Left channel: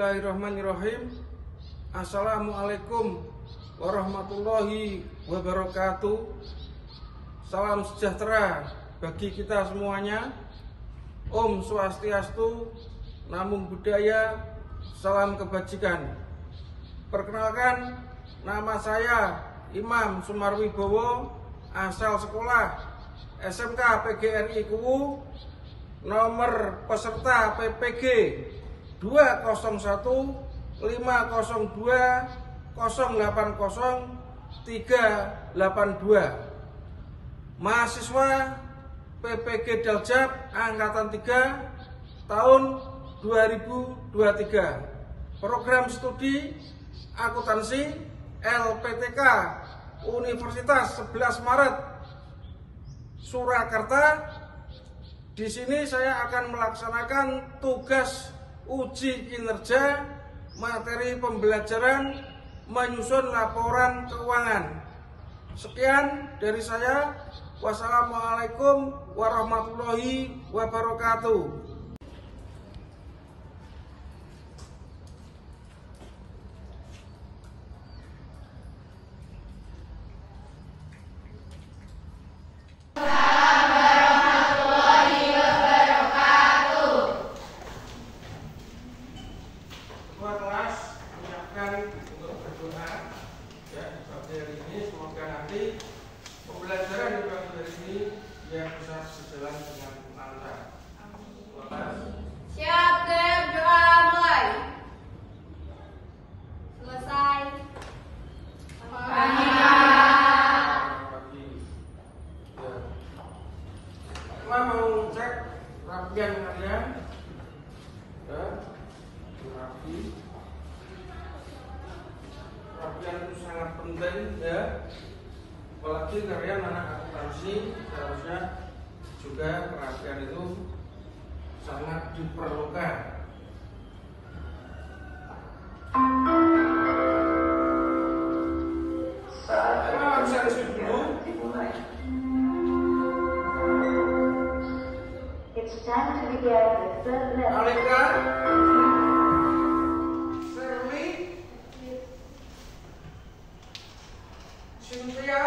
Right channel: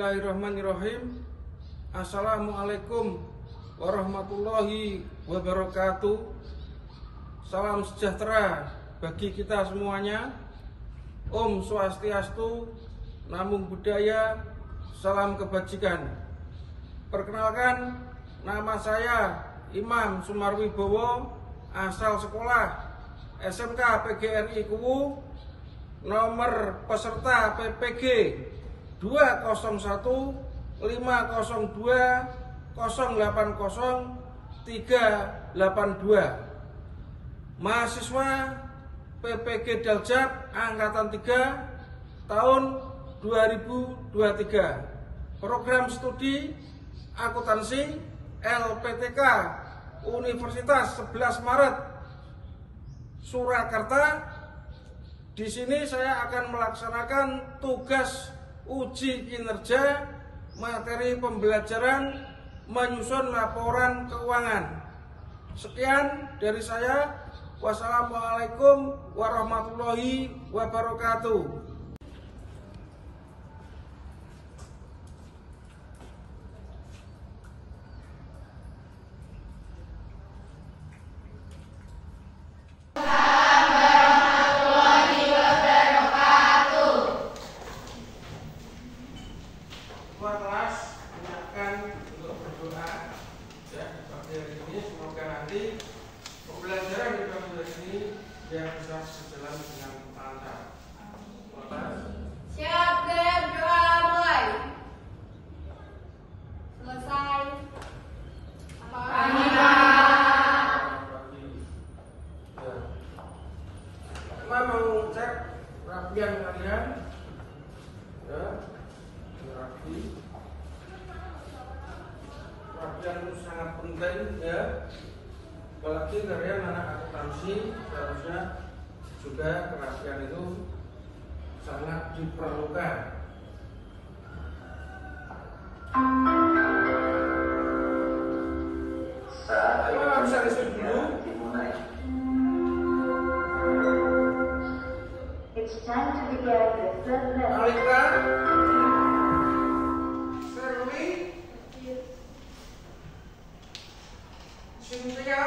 Bismillahirrahmanirrahim. Assalamualaikum warahmatullahi wabarakatuh. Salam sejahtera bagi kita semuanya. Om Swastiastu, Namo Buddhaya, salam kebajikan. Perkenalkan, nama saya Imam Sumarwibowo, asal sekolah SMK PGRI Kuwu, nomor peserta PPG 201 502 080 382. Mahasiswa PPG Daljab Angkatan 3 tahun 2023. Program studi akuntansi LPTK Universitas 11 Maret Surakarta. Di sini saya akan melaksanakan tugas uji kinerja materi pembelajaran menyusun laporan keuangan. Sekian dari saya. Wassalamualaikum warahmatullahi wabarakatuh. Ketua kelas menyiapkan untuk berdoa ya di pagi hari ini. Semoga nanti pembelajaran di pagi hari ini biar bisa berjalan dengan lancar. Siap, Gem, doa mulai. Selesai. Kita mau cek rapian kalian ya. Rapian itu sangat penting ya. Apalagi kalian anak akuntansi, seharusnya juga perhatian itu sangat diperlukan. Bisa isi dulu. Alika, Seruni, Cynthia,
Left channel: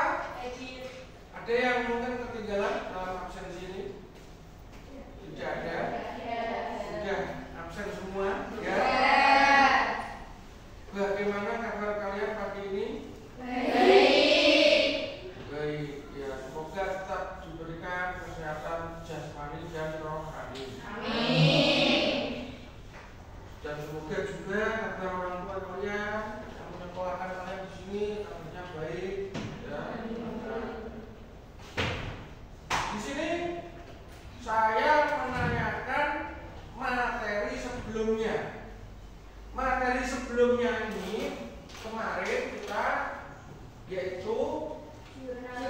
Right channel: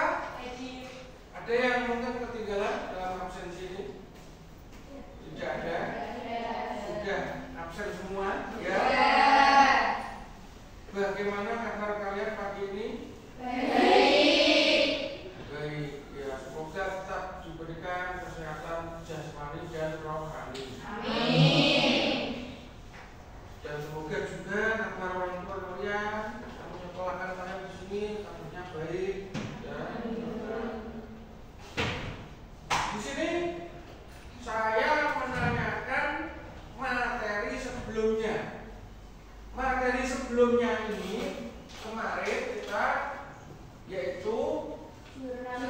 ada yang mungkin ketinggalan dalam absensi ini? Tidak ada? Sudah absen semua? Ya. Bagaimana kabar kalian pagi ini? Baik. Ya, semoga tetap diberikan kesehatan jasmani dan rohani. Dan semoga juga kata orang tua kalian yang menyekolahkan kalian di sini kabarnya baik. Ya. Di sini saya menanyakan materi sebelumnya. Materi sebelumnya ini kemarin kita yaitu jurnal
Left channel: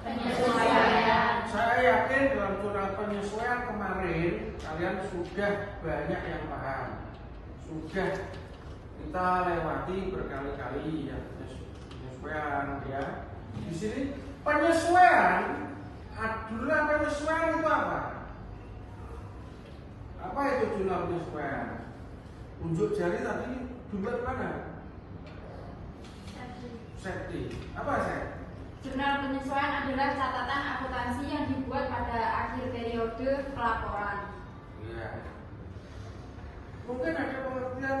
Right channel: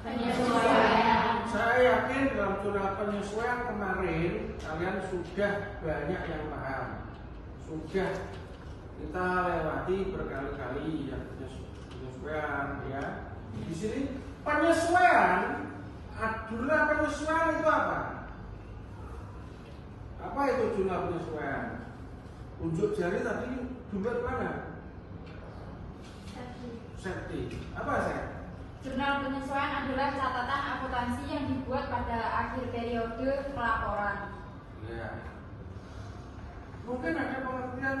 penyesuaian. Saya yakin dalam jurnal penyesuaian kemarin kalian sudah banyak yang paham. Sudah kita lewati berkali-kali ya penyesuaian ya. Di sini penyesuaian adalah penyesuaian itu apa? Apa itu jurnal penyesuaian? Unjuk jari tadi jumlah di mana? Safety. Apa saya? Jurnal penyesuaian adalah catatan akuntansi yang dibuat pada akhir periode pelaporan. Ya. Mungkin ada pengertian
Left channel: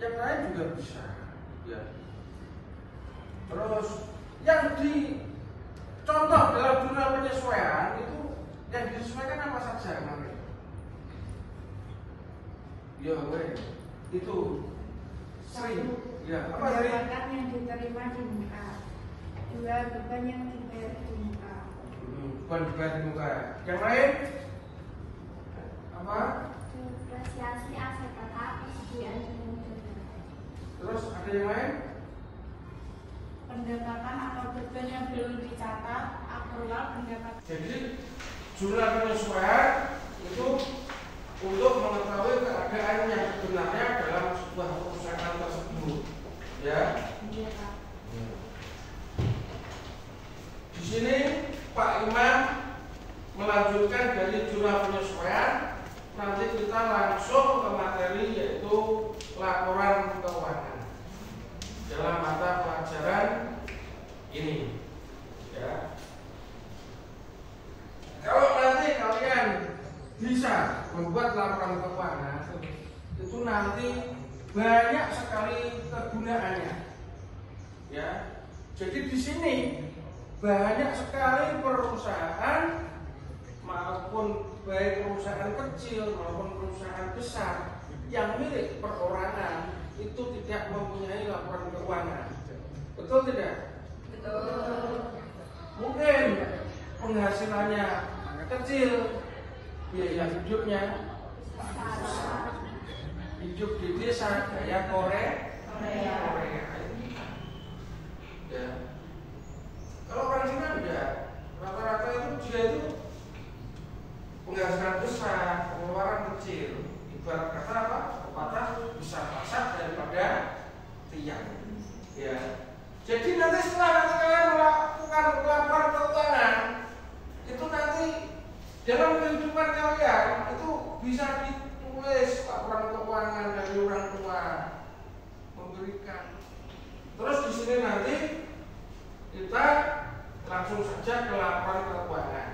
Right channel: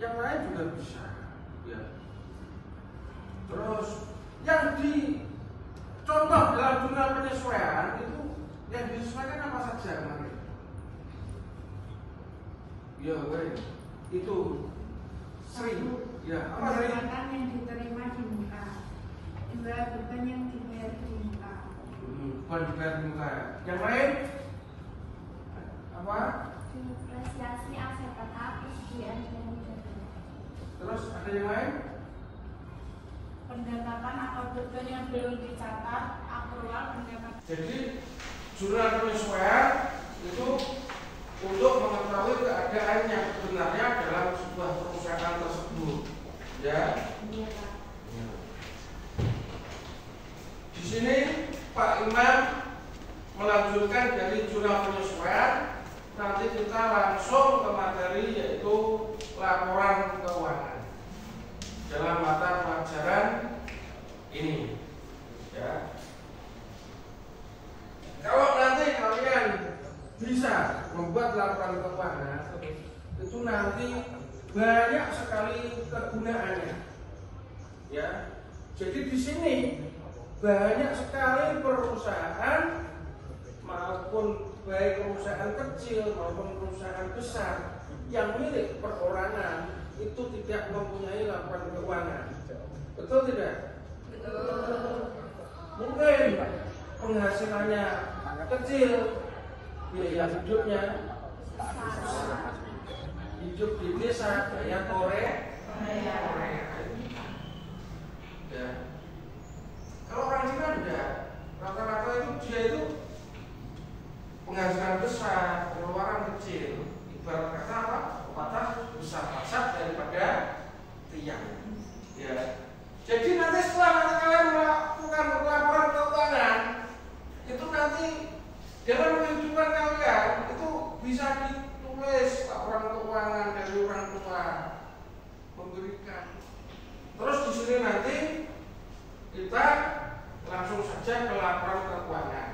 yang lain juga bisa. Ya. Terus yang dicontoh dalam jurnal penyesuaian itu yang disesuaikan apa saja kemarin? Ya, itu sering. Ya, apa dari yang diterima di muka. 2. Beban yang dibayar di muka. Beban dibayar di muka. Yang lain? Apa? Depresiasi aset persediaan dengan negara. Terus ada yang lain? Pendapatan atau beban yang belum dicatat, akrual pendapatan. Jadi jurnal penyesuaian itu untuk mengetahui keadaan yang sebenarnya dalam sebuah perusahaan tersebut, ya. Iya, Pak. Di sini Pak Imam melanjutkan dari jurnal penyesuaian, nanti kita langsung ke materi yaitu laporan keuangan dalam mata pelajaran ini. Ya. Kalau nanti kalian bisa membuat laporan keuangan, itu nanti banyak sekali kegunaannya. Ya. Jadi di sini banyak sekali perusahaan, maupun baik perusahaan kecil maupun perusahaan besar yang milik perorangan itu tidak mempunyai laporan keuangan. Betul tidak? Betul. Mungkin penghasilannya kecil, biaya hidupnya hidup di desa kayak Korea. Ya. Kalau orang Cina enggak, rata-rata itu dia itu penghasilan besar, pengeluaran kecil. Ibarat kata apa? Pepatah besar asap daripada tiang. Ya. Jadi nanti setelah nanti kalian melakukan laporan keuangan, itu nanti dalam kehidupan kalian itu bisa ditulis laporan keuangan dari orang tua memberikan. Terus di sini nanti kita langsung saja ke laporan keuangan.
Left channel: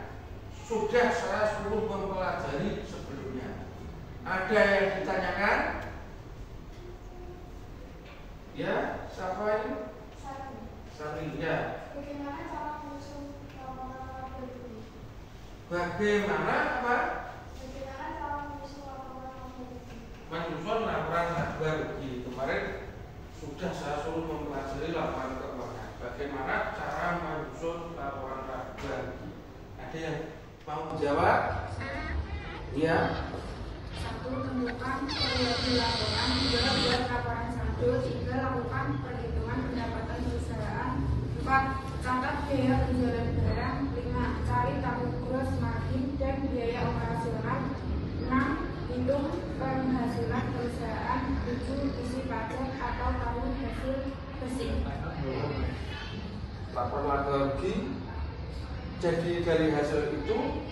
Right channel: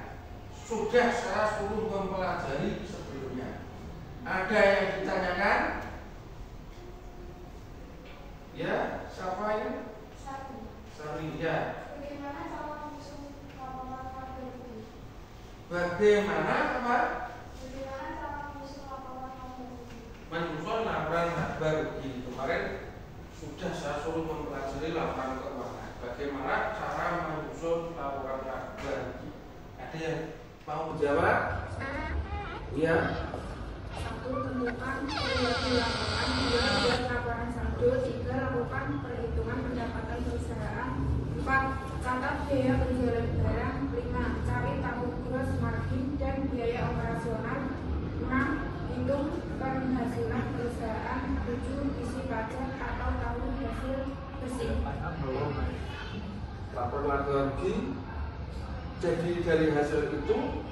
Sudah saya suruh mempelajari sebelumnya. Ada yang ditanyakan? Ya, siapa ini? Sari. Ya. Bagaimana apa? Menyusun laporan laba rugi. Kemarin sudah saya suruh mempelajari laporan keuangan. Bagaimana cara menyusun laporan laba rugi? Ada yang mau jawab? Ya. 1. Tentukan periode laporan. 2. Buat laporan saldo. 3. Lakukan perhitungan pendapatan perusahaan. 4. Catat biaya penjualan barang. 5. Cari tabung gross margin dan biaya operasional. 6. Hitung penghasilan perusahaan. 7. Isi pajak atau tahun hasil bersih. Laporan laba rugi. Jadi dari hasil itu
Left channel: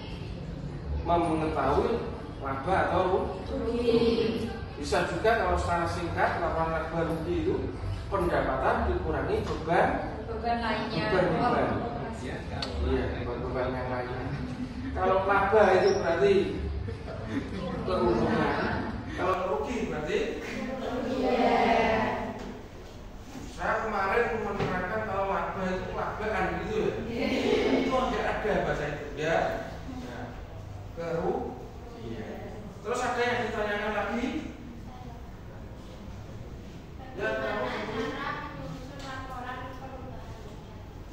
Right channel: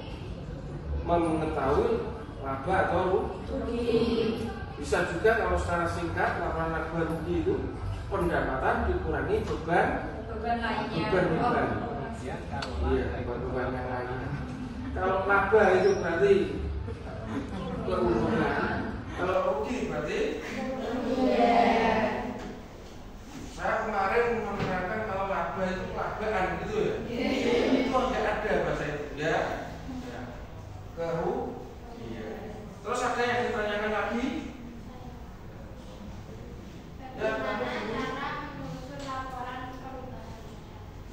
mengetahui laba atau rugi. Bisa juga kalau secara singkat laporan laba rugi itu pendapatan dikurangi beban lainnya. Iya, beban yang lainnya. Kalau laba itu berarti keuntungan. Kalau rugi berarti saya kemarin menerangkan kalau laba itu labaan gitu ya. Itu tidak ada bahasa itu ya. Kerugian. Terus ada yang ditanyakan lagi? Ya,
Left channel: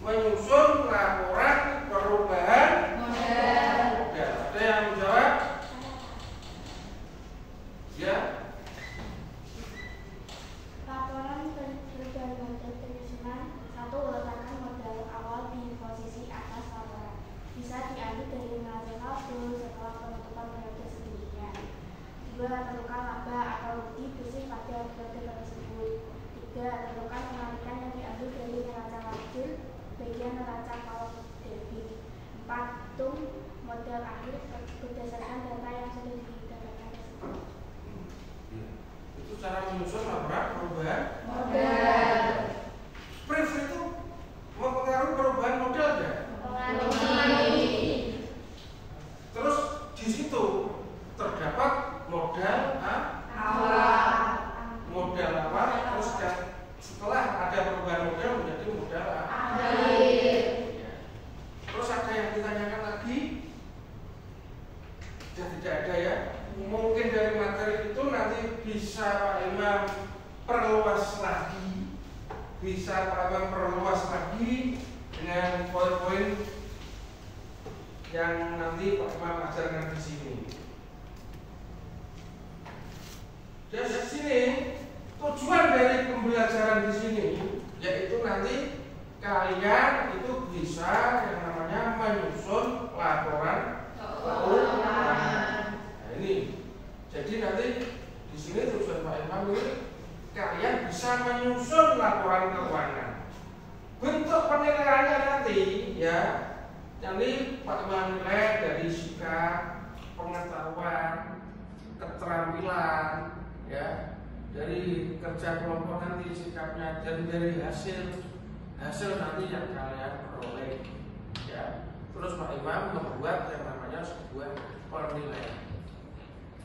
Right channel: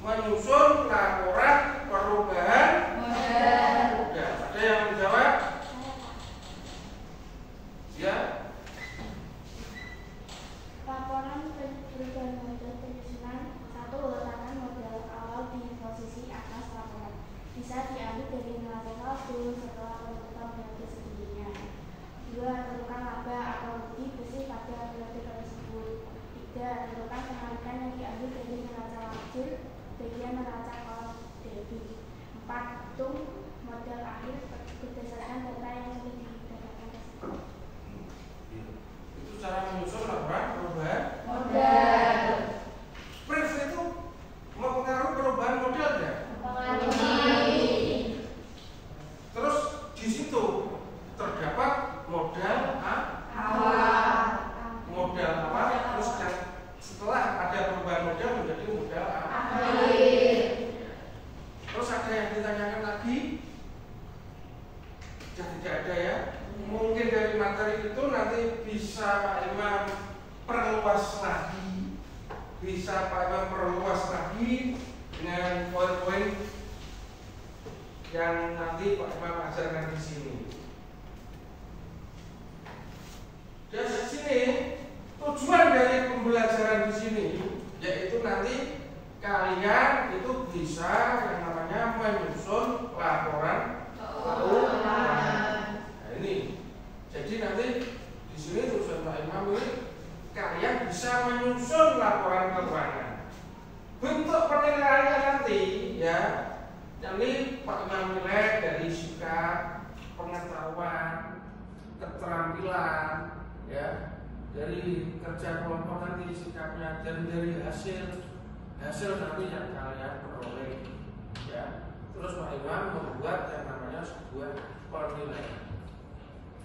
menyusun laporan perubahan modal. Ada yang menjawab? Ya. Laporan perubahan modal perizinan. 1. Letakkan modal awal di posisi atas laporan. Bisa diambil dari nilai saldo setelah penutupan periode sebelumnya. 2. Tentukan laba atau rugi bersih pada periode tersebut. 3. Tentukan kemanikan yang diambil dari neraca wajib bagian neraca kalau debit. 4. Hitung modal akhir berdasarkan data yang sudah didapatkan tersebut. Itu cara menyusun laporan perubahan Modal. Brief itu mempengaruhi perubahan modal ya? Terus di situ terdapat modal Awal. modal apa? Terus setelah ada perubahan modal menjadi modal Akhir. Ya. Terus ada yang ditanyakan lagi? Sudah tidak ada ya? Mungkin dari materi itu nanti bisa Pak Imam perluas lagi, bisa Pak Imam perluas lagi dengan poin-poin yang nanti Pak Imam ajarkan di sini. Dan di sini tujuan dari pembelajaran di sini yaitu nanti kalian itu bisa yang namanya menyusun laporan keuangan. Nah ini, jadi nanti di sini tujuan Pak Imam ini kalian bisa menyusun laporan keuangan. Bentuk penilaiannya nanti ya Ini menilai dari sikap, pengetahuan, keterampilan, ya, dari kerja kelompok nanti sikapnya, dan dari hasil nanti yang kalian peroleh, ya. Terus Pak Imam membuat yang namanya sebuah penilaian,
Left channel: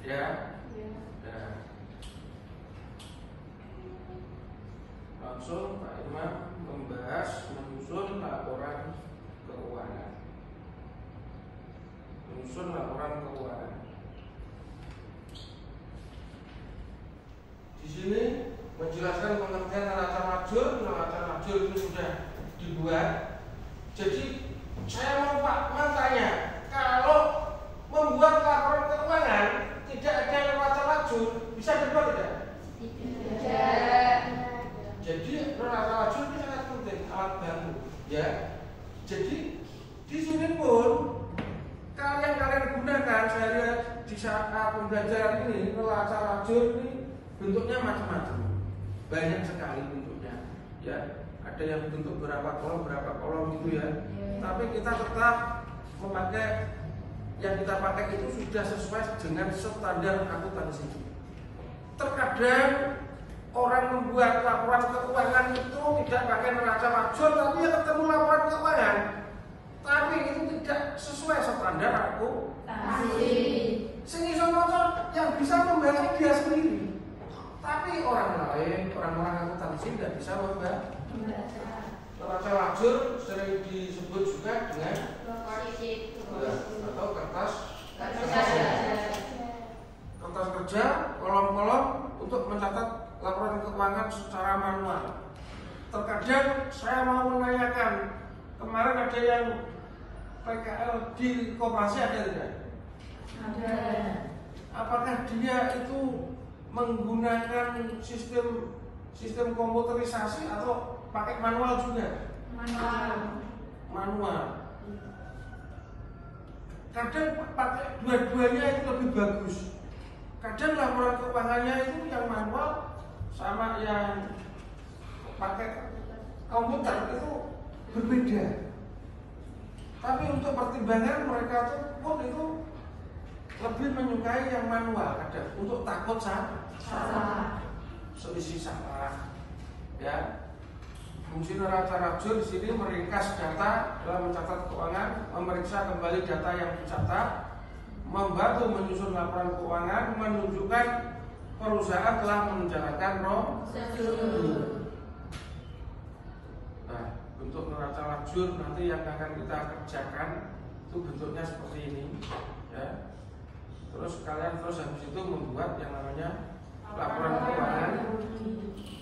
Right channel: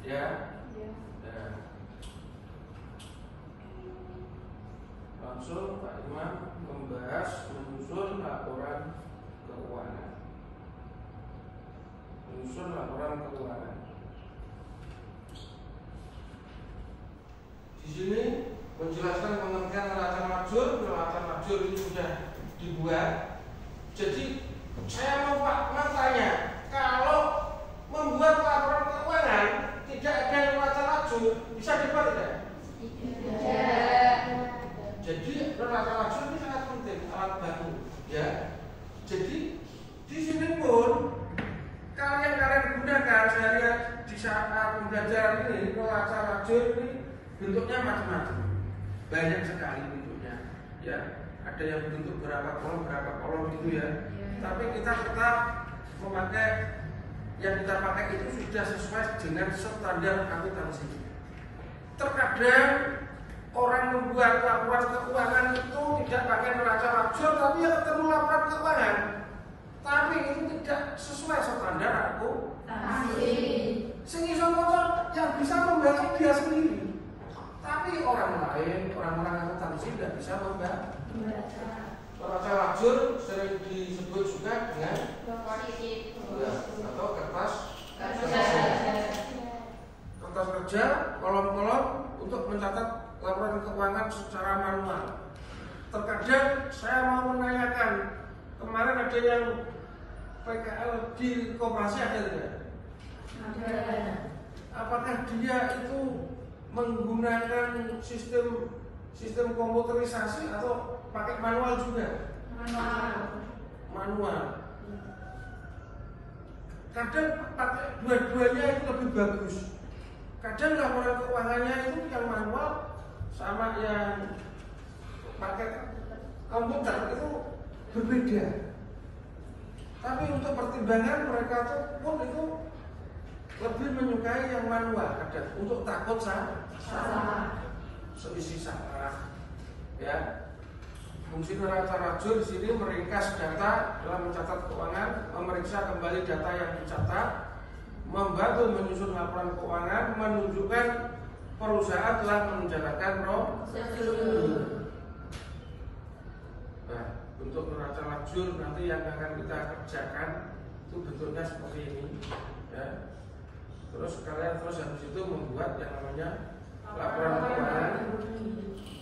ya. Ya. Langsung Pak Imam membahas menyusun laporan keuangan. Di sini menjelaskan pengertian neraca majur. Neraca majur itu sudah dibuat. Jadi saya mau Pak Man tanya, kalau membuat laporan keuangan tidak ada neraca majur, bisa dibuat tidak? Tidak. Jadi neraca majur ini sangat penting, alat bantu, ya. Jadi di sini pun kalian gunakan sehari di saat pembelajaran ini. Neraca majur ini bentuknya macam-macam, banyak sekali bentuknya, ya. Ada yang bentuk berapa kolom gitu ya. Tapi kita tetap memakai yang kita pakai itu sudah sesuai dengan standar akuntansi. Terkadang orang membuat laporan keuangan itu tidak pakai neraca majur, tapi yang ketemu laporan keuangan, tapi itu tidak sesuai standar akuntansi. Sehingga motor yang bisa membaca dia sendiri, tapi orang lain, orang-orang akuntansi tidak bisa membaca. Neraca majur sering disebut juga dengan atau kertas kerja, kolom-kolom untuk mencatat laporan keuangan secara manual. Terkadang saya mau menanyakan, kemarin ada yang PKL di koperasi ada tidak? Ada. Apakah dia itu menggunakan sistem komputerisasi atau pakai manual juga? Manual. Kadang pakai dua-duanya itu lebih bagus. Kadang laporan keuangannya itu yang manual sama yang pakai komputer itu berbeda. Tapi untuk pertimbangan mereka pun itu lebih menyukai yang manual, kadang untuk takut salah, selisih salah, ya. Fungsi neraca majur di sini meringkas data dalam mencatat keuangan, memeriksa kembali data yang dicatat, membantu menyusun laporan keuangan, menunjukkan perusahaan telah menjalankan prosedur. Nah, bentuk neraca majur nanti yang akan kita kerjakan itu bentuknya seperti ini, ya. Terus kalian habis itu membuat yang namanya laporan keuangan.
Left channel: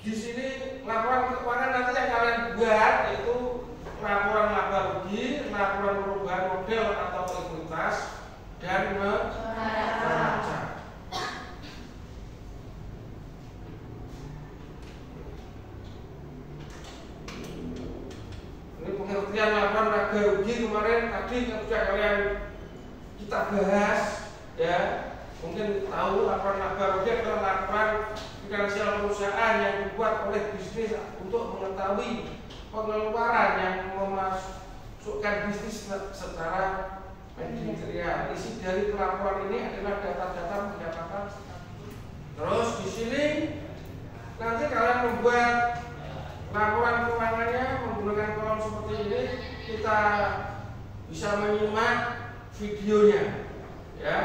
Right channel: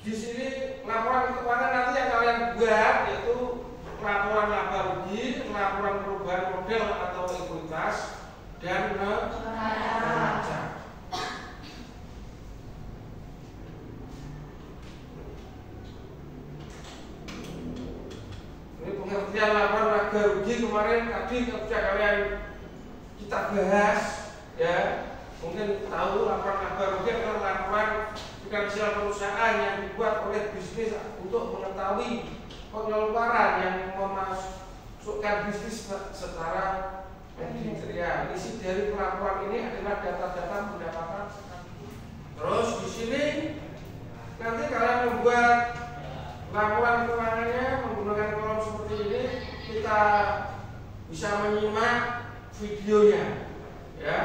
Di sini laporan keuangan nanti yang kalian buat itu laporan laba rugi, laporan perubahan model atau ekuitas, dan neraca. Ini pengertian laporan laba rugi kemarin tadi ketika kalian kita bahas, ya. Mungkin tahu laporan laba rugi adalah laporan finansial perusahaan yang dibuat oleh bisnis untuk mengetahui pengeluaran yang memasukkan bisnis secara manajerial. Isi dari laporan ini adalah data-data pendapatan. Terus di sini nanti kalian membuat laporan keuangannya menggunakan kolom seperti ini. Kita bisa menyimak videonya, ya.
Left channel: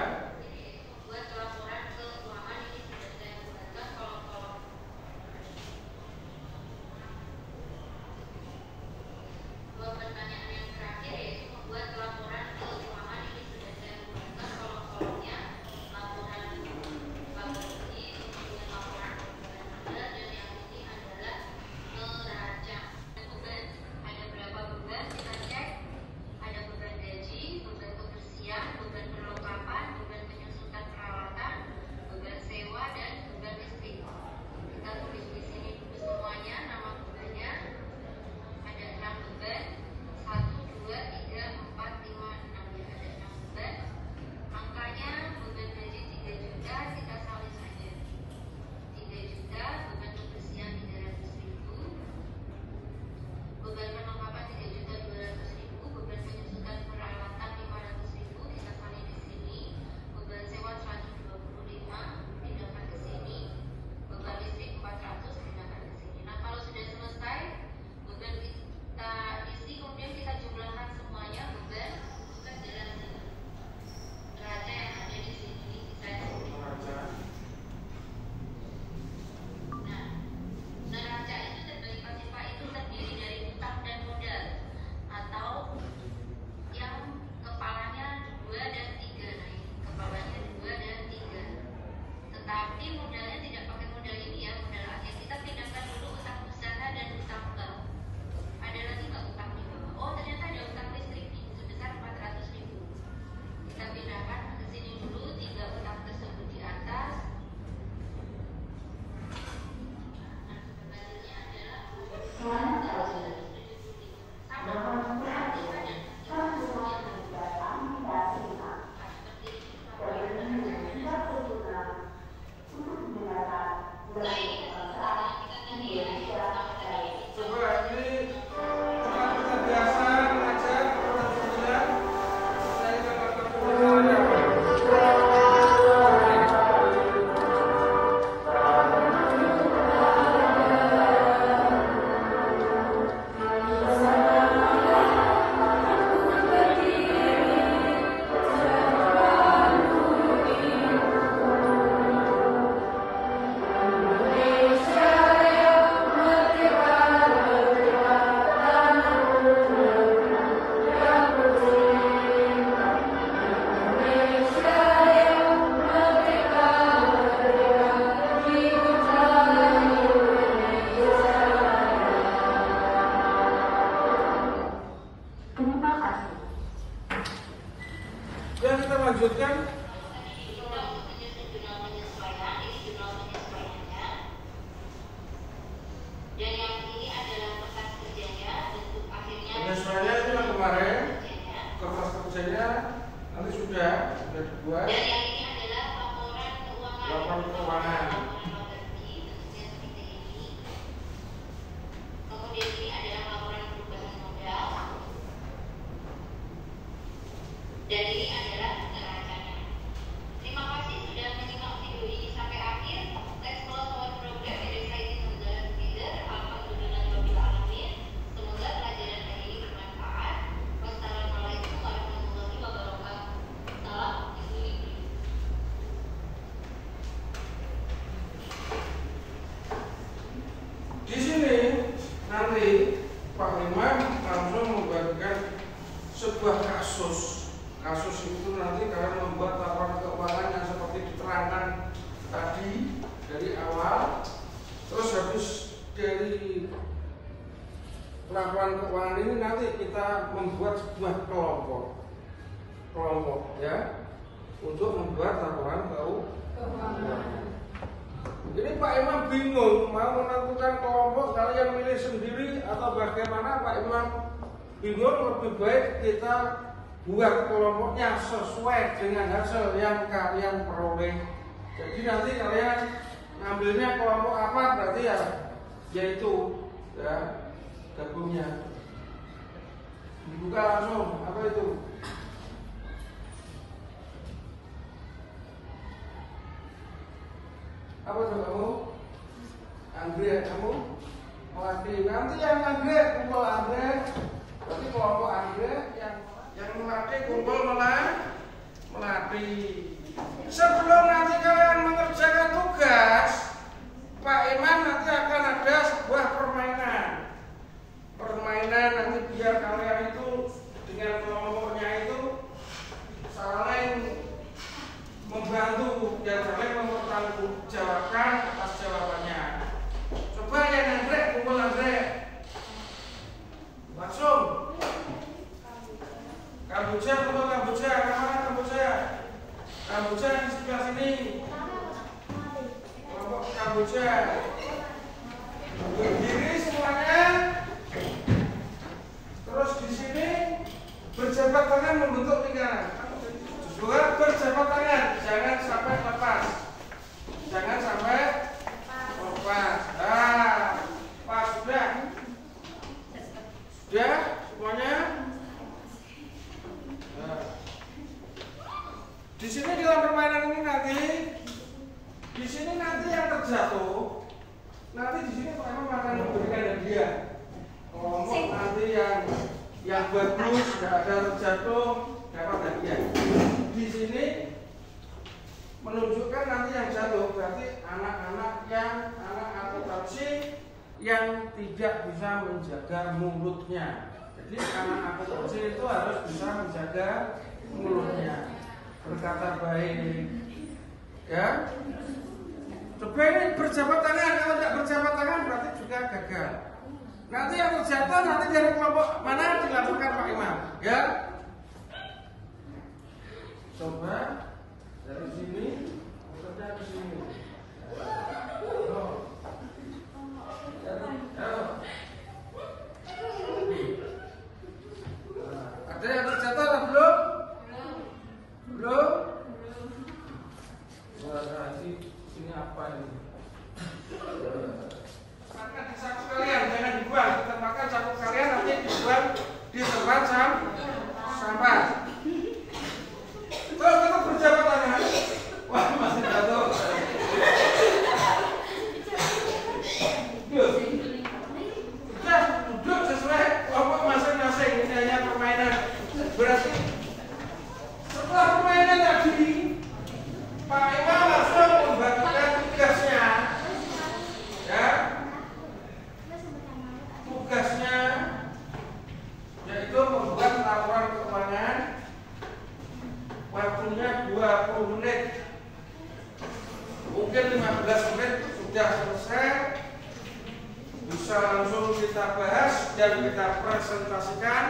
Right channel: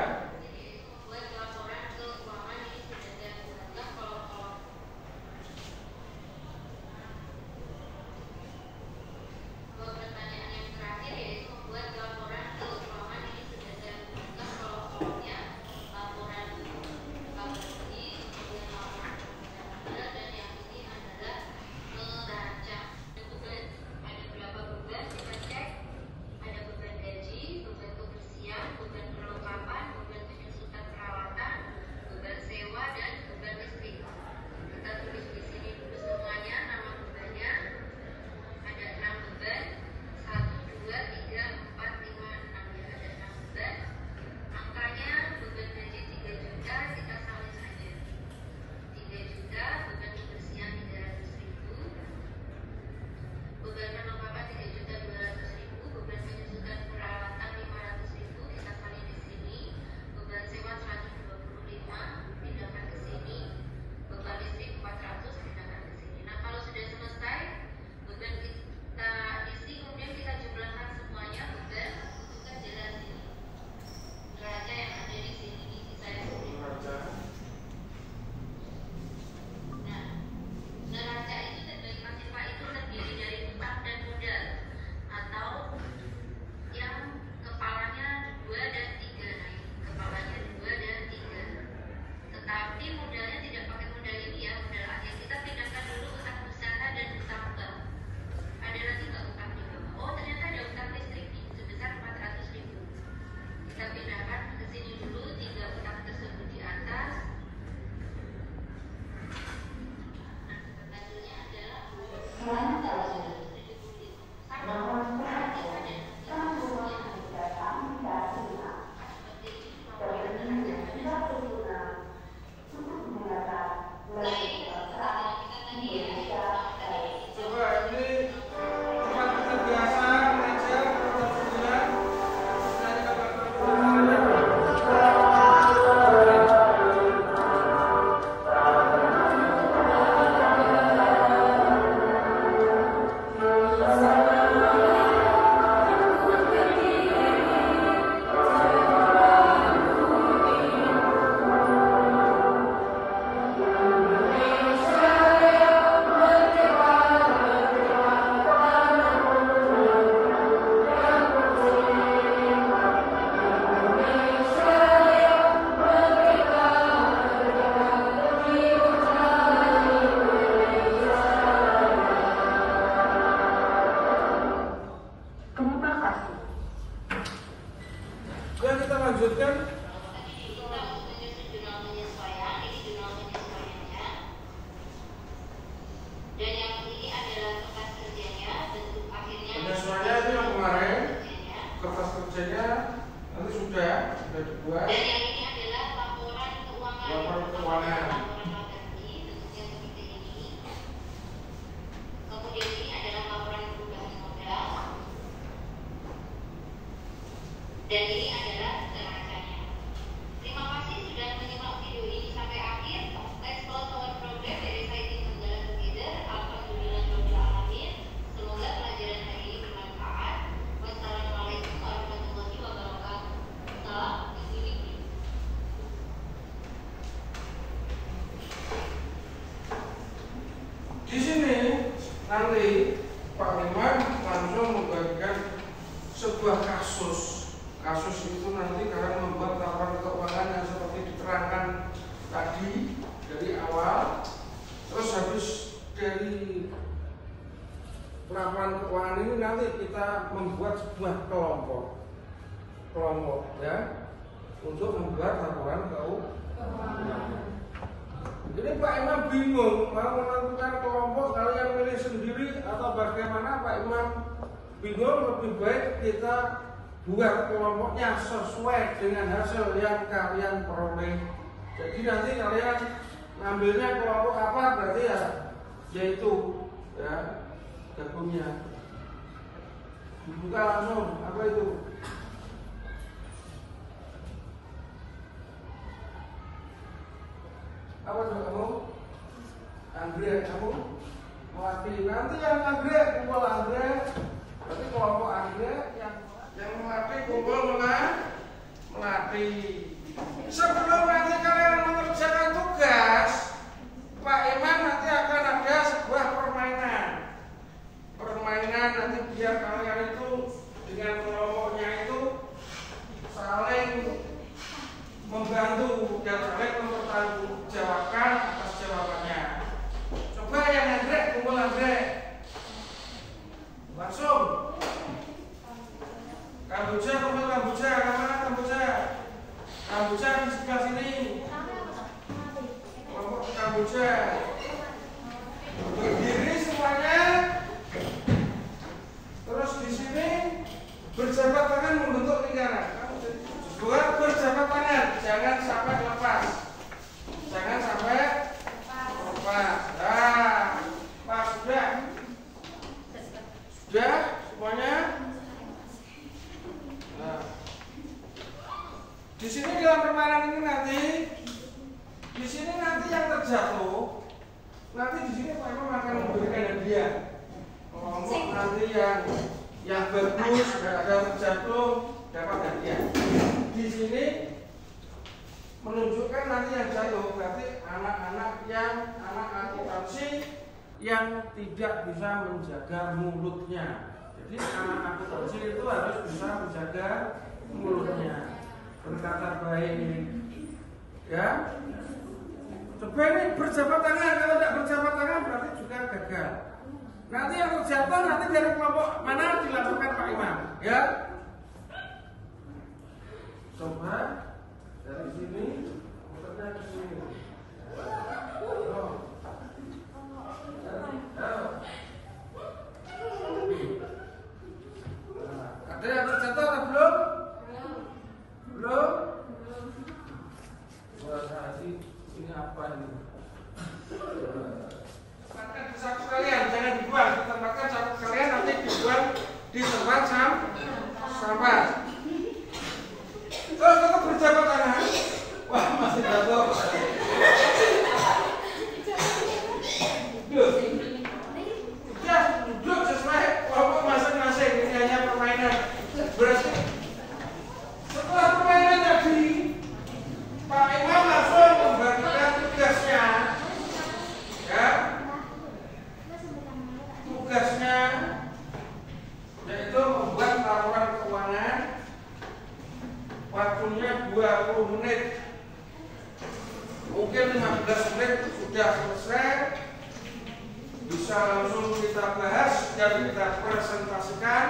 Ada beban gaji, beban kebersihan, beban perlengkapan, beban Kenapa? Ya, kita lanjutkan. Penyesuaiannya itu yang kemarin, kertas kerjanya nanti sudah dibuat. Laporan keuangan. Kemudian ini adalah laporan perubahan modal. Dan ini adalah neracannya. Terima kasih sudah menyimak video ini sampai akhir. Let's close our program dari Fighting Together. Alhamdulillah Rabbil Alamin. Semoga pelajaran hari ini bermanfaat. Wassalamualaikum warahmatullahi wabarakatuh. Salam Bismillah. Di sini nanti Pak Imam langsung membagikan sebuah kasus. Kasus itu nanti kalian membuat laporan keuangan yang seperti diterangkan tadi dari awal. Terus habis dari laporan keuangan ini nanti kita membuat sebuah kelompok ya untuk membuat laporan keuangan. Jadi Pak Imam bingung mau menentukan kelompok, kalian milih sendiri atau bagaimana. Pak Imam bingung, lebih baik kita buat kelompoknya sesuai dengan hasil yang kalian peroleh. Jadi nanti kalian ngambilnya kelompok apa, berarti ya yaitu ya gabungnya. Dibuka langsung, apa itu? Apa coba kamu? Anggrek, kamu melatih. Nanti yang anggrek kumpul anggrek. Berarti kelompok anggrek yang melatih kumpul melatih. Sebelum nanti kalian mengerjakan tugas, Pak Imam nanti akan ada sebuah permainan. Permainan nanti biar kalian itu dengan kelompoknya itu saling membantu dan saling mempertanggungjawabkan atas jawabannya. Coba yang anggrek kumpul anggrek. Langsung. Kamboja kumpul Kamboja, mana Kamboja? Kamboja di sebelah sini. Kelompok Kamboja. Berdiri semuanya. Terus di sini berjabat tangan membentuk lingkaran. Buat berjabat tangan, jangan sampai lepas. Jangan sampai lepas. Nah, pas sudah. Sudah semuanya. Nah. Di sini dalam permainan ini nanti, di sini nanti yang terjatuh, nanti di sini Pak Imam akan memberikan hadiah. Kelompok nanti yang bagus, nggak ada terjatuh, dapat hadiah. Di sini menunjukkan nanti yang jatuh berarti anak-anak anak akuntansi yang tidak bisa menjaga mulutnya. Jadi anak akuntansi itu harus bisa menjaga mulutnya, berkata baik, ya. Coba ini berjabat tangan. Kalau tidak berjabat tangan berarti juga gagal. Nanti yang terjatuh nanti dari kelompok mana dilaporkan Pak Imam, ya. Coba dari sini, muternya ke sini. Ada yang terjatuh atau belum? Belum? Wah, ini apa ini? Tempatkan di saku kalian, jangan dibuang. Tempatkan saku kalian nanti dibuang di tempat sampah. Kalau tetap berjabat tangan, wah masih jatuh. Duduk sesuai kelompok masing-masing. Ini hanya permainan. Berarti setelah permainan tadi, Pak Imam langsung membagikan tugasnya, ya. Tugasnya yaitu membuat laporan keuangan. Waktunya 20 menit. Mungkin 15 menit sudah selesai. Bisa langsung kita bahas dan kita presentasikan.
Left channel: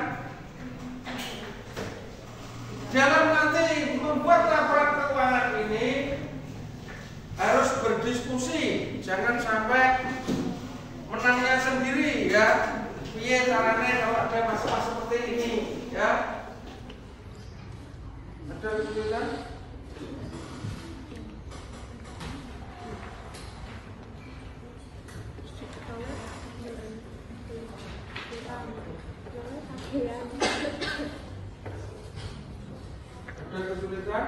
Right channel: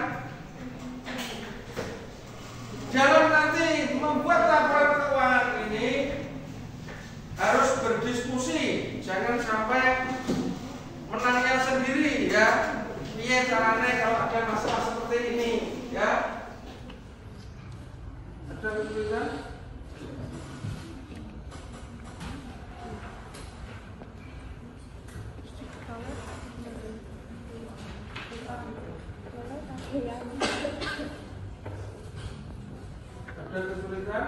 jangan sampai menanya sendiri ya. Iya caranya kalau ada masalah seperti ini ya. Ada kesulitan? Ada kesulitan?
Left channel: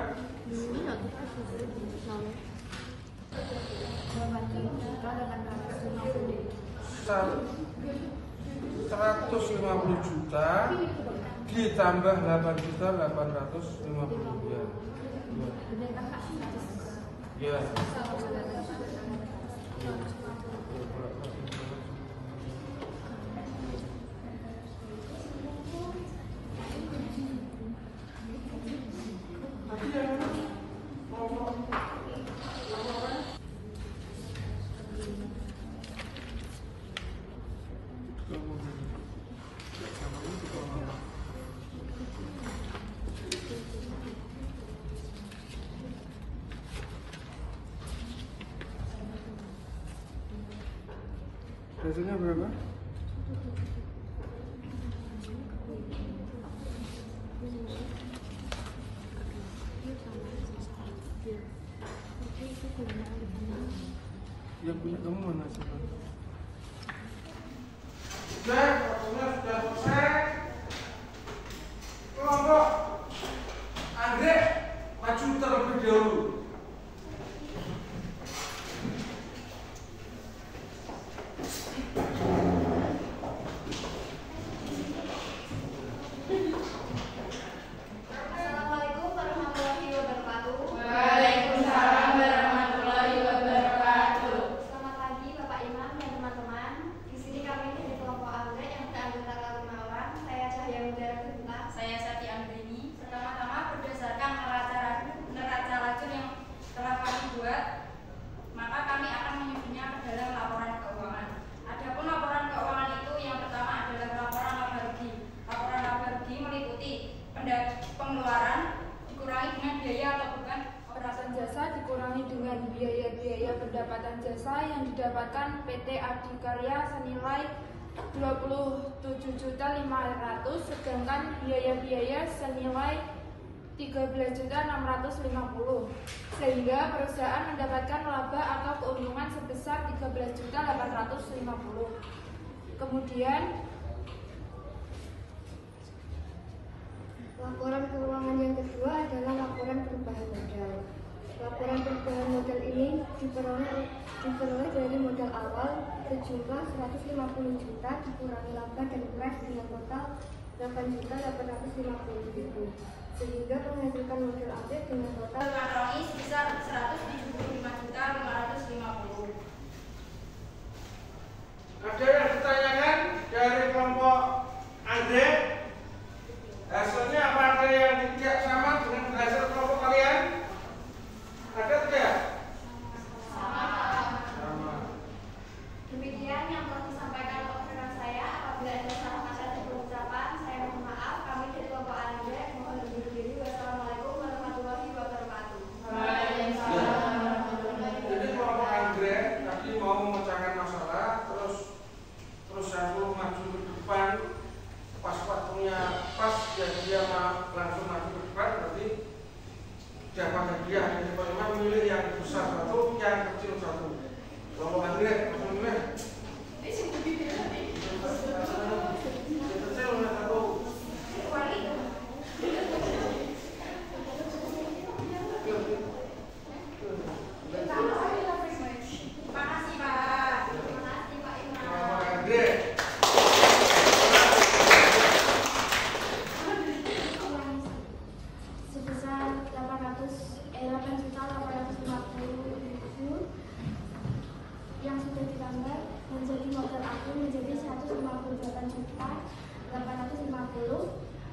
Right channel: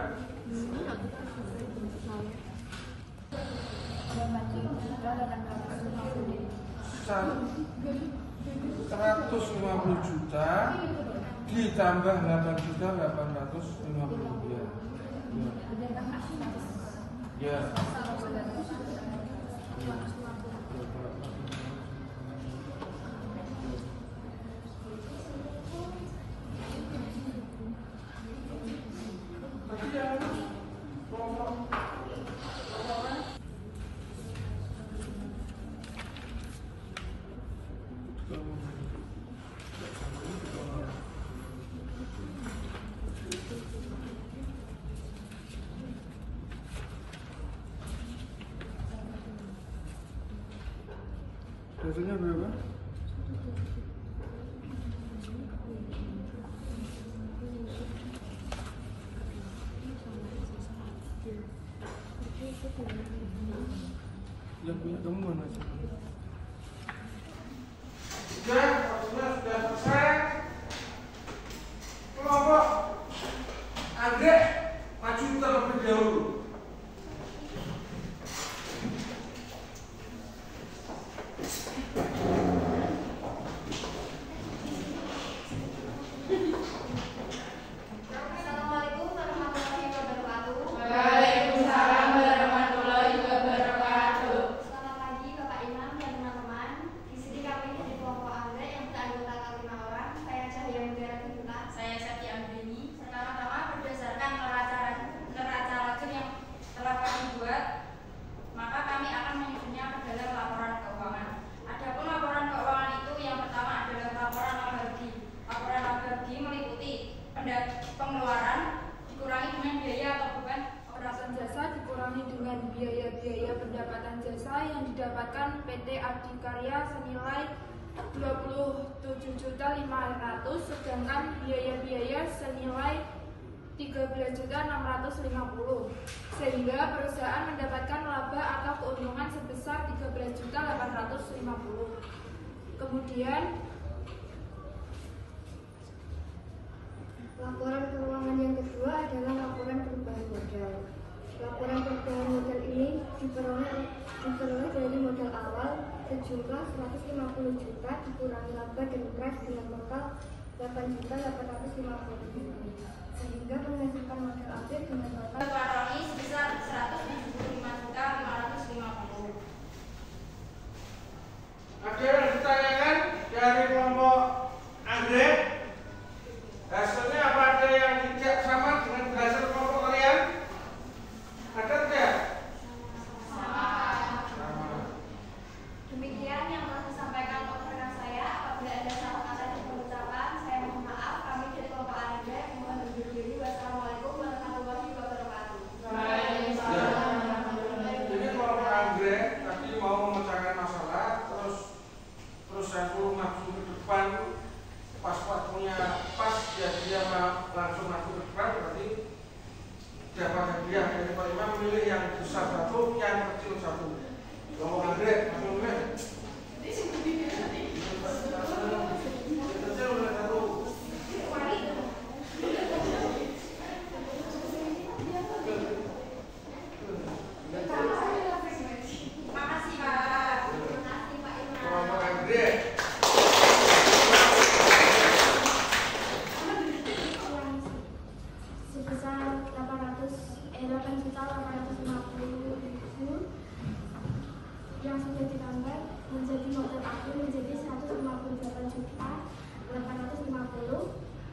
Rp150 juta ditambah Rp8.850.000. Ya. Biasanya berapa? Yang punya kamu mana sih? Sudah, waktunya sudah selesai. Kelompok anggrek maju terlebih dahulu. Pengeluaran dikurangi dengan biaya atau bukan operasional jasa dikurangi dengan biaya-biaya pendapatan jasa yang didapatkan PT Adikarya senilai Rp27.500.000 sedangkan biaya-biaya senilai Rp13.650.000 sehingga perusahaan mendapatkan laba atau keuntungan sebesar Rp13.850.000. Kemudian laporan keuangan yang kedua adalah laporan perubahan modal. Laporan perubahan modal ini diperoleh dari modal awal sejumlah Rp150 juta dikurangi laba dan cash dengan total Rp8.850.000 sehingga menghasilkan modal akhir dengan total sebesar Rp175.550.000. Ada yang ditanyakan dari kelompok anggrek? Hasilnya apa, ada yang tidak sama dengan hasil kelompok kalian? Ada tidak? Sama. Demikian yang telah disampaikan oleh rekan saya. Apabila ada salah kata di pengucapan, saya mohon maaf. Kami dari kelompok anggrek mohon undur diri. Wassalamualaikum warahmatullahi wabarakatuh. Jadi kelompok anggrek tadi mau memecahkan masalah, terus aku maju ke depan. Pas waktunya pas, jadi dia langsung maju ke depan, berarti dapat hadiah. Jadi kalau memilih yang besar satu, yang kecil satu. Kalau anggrek, kamu milih yang kecil satu. Makasih Pak. Kelompok anggrek. yang sudah ditambah menjadi modal akhir menjadi Rp158.850.000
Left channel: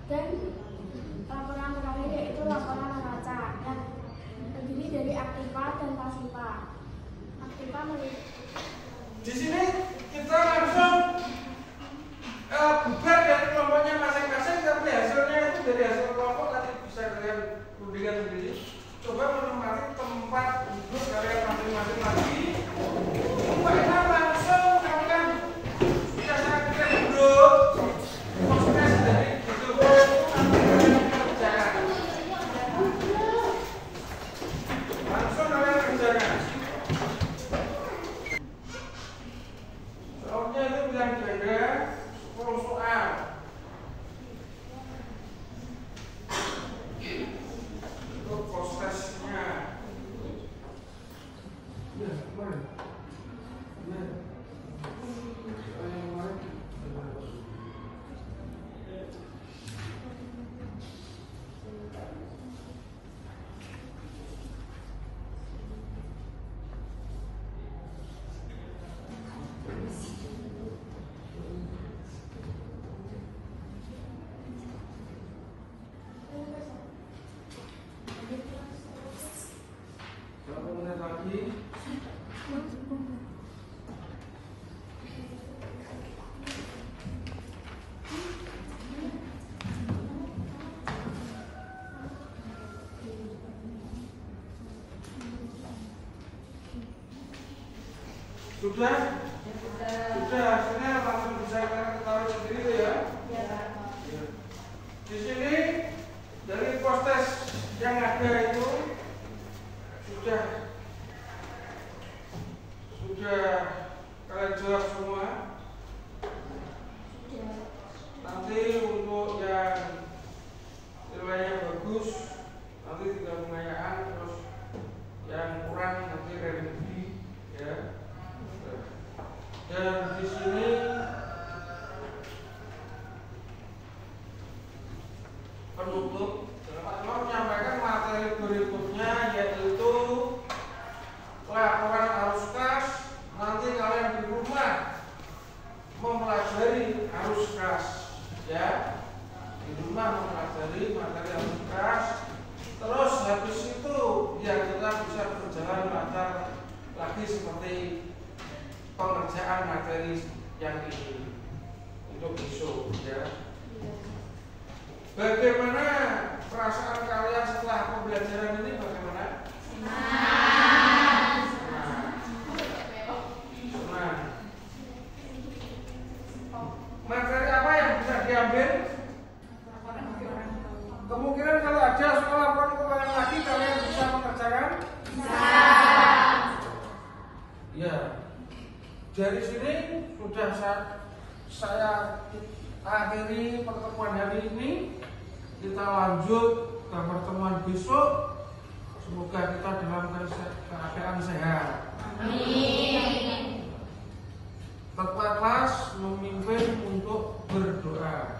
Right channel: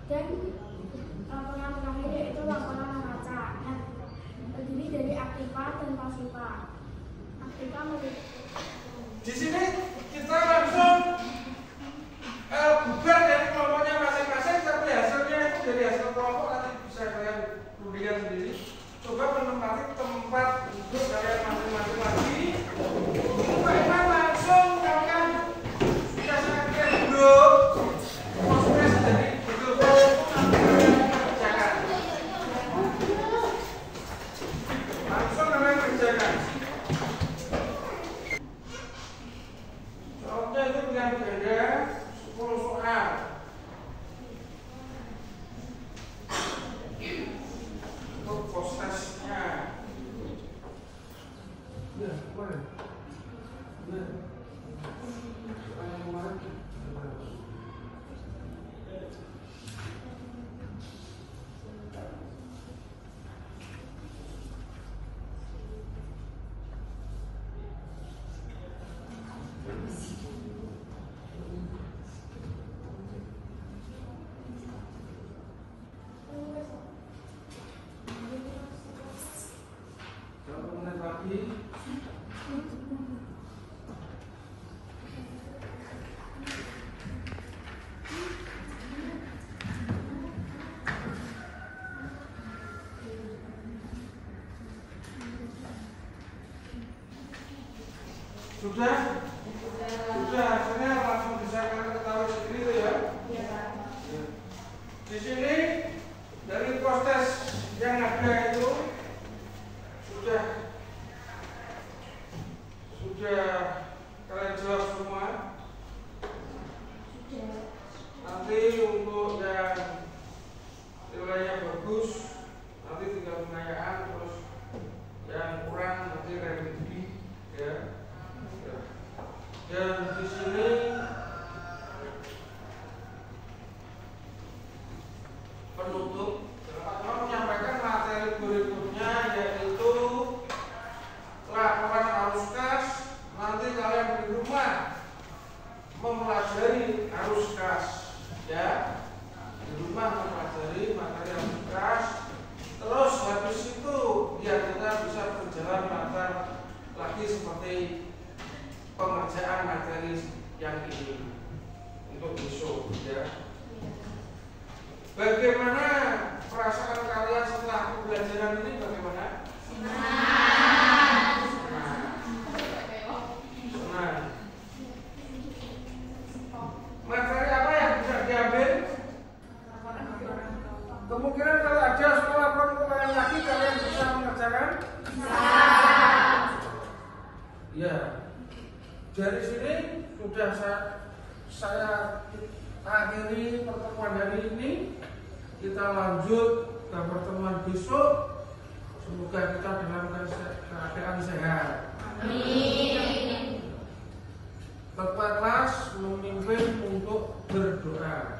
dan laporan terakhir yaitu laporan neraca yang terdiri dari aktiva dan pasiva. Aktiva Di sini kita langsung bubar dari kelompoknya masing-masing, tapi hasilnya itu dari hasil kelompok nanti bisa kalian rundingkan sendiri. Coba menemati tempat duduk kalian masing-masing lagi. lagi? Sudah? Sudah, hasilnya langsung bisa ketahui sendiri ya? Ya. Di sini dari post-test yang ada itu sudah kalian jawab semua. Nanti untuk yang nilainya bagus nanti tinggal pengayaan, terus yang kurang nanti revisi ya. Dan di sini penutup Pak menyampaikan materi berikutnya, yaitu laporan arus kas. Nanti kalian di rumah mempelajari arus kas ya, di rumah mempelajari materi arus kas. Terus habis itu biar kita bisa berjalan lancar lagi seperti pengerjaan materi yang ini untuk besok ya. Bagaimana perasaan kalian setelah pembelajaran ini? Bagaimana? Senang. Materi apa yang bisa diambil? Kemungkinan kalau ada sekolah pengulangan lagi kalian bisa mengerjakan? Ya. Dari sini sudah saya akhiri pertemuan hari ini. Kita lanjut ke pertemuan besok. Semoga kita dalam keadaan sehat. Amin. Tetaplah memimpin untuk berdoa.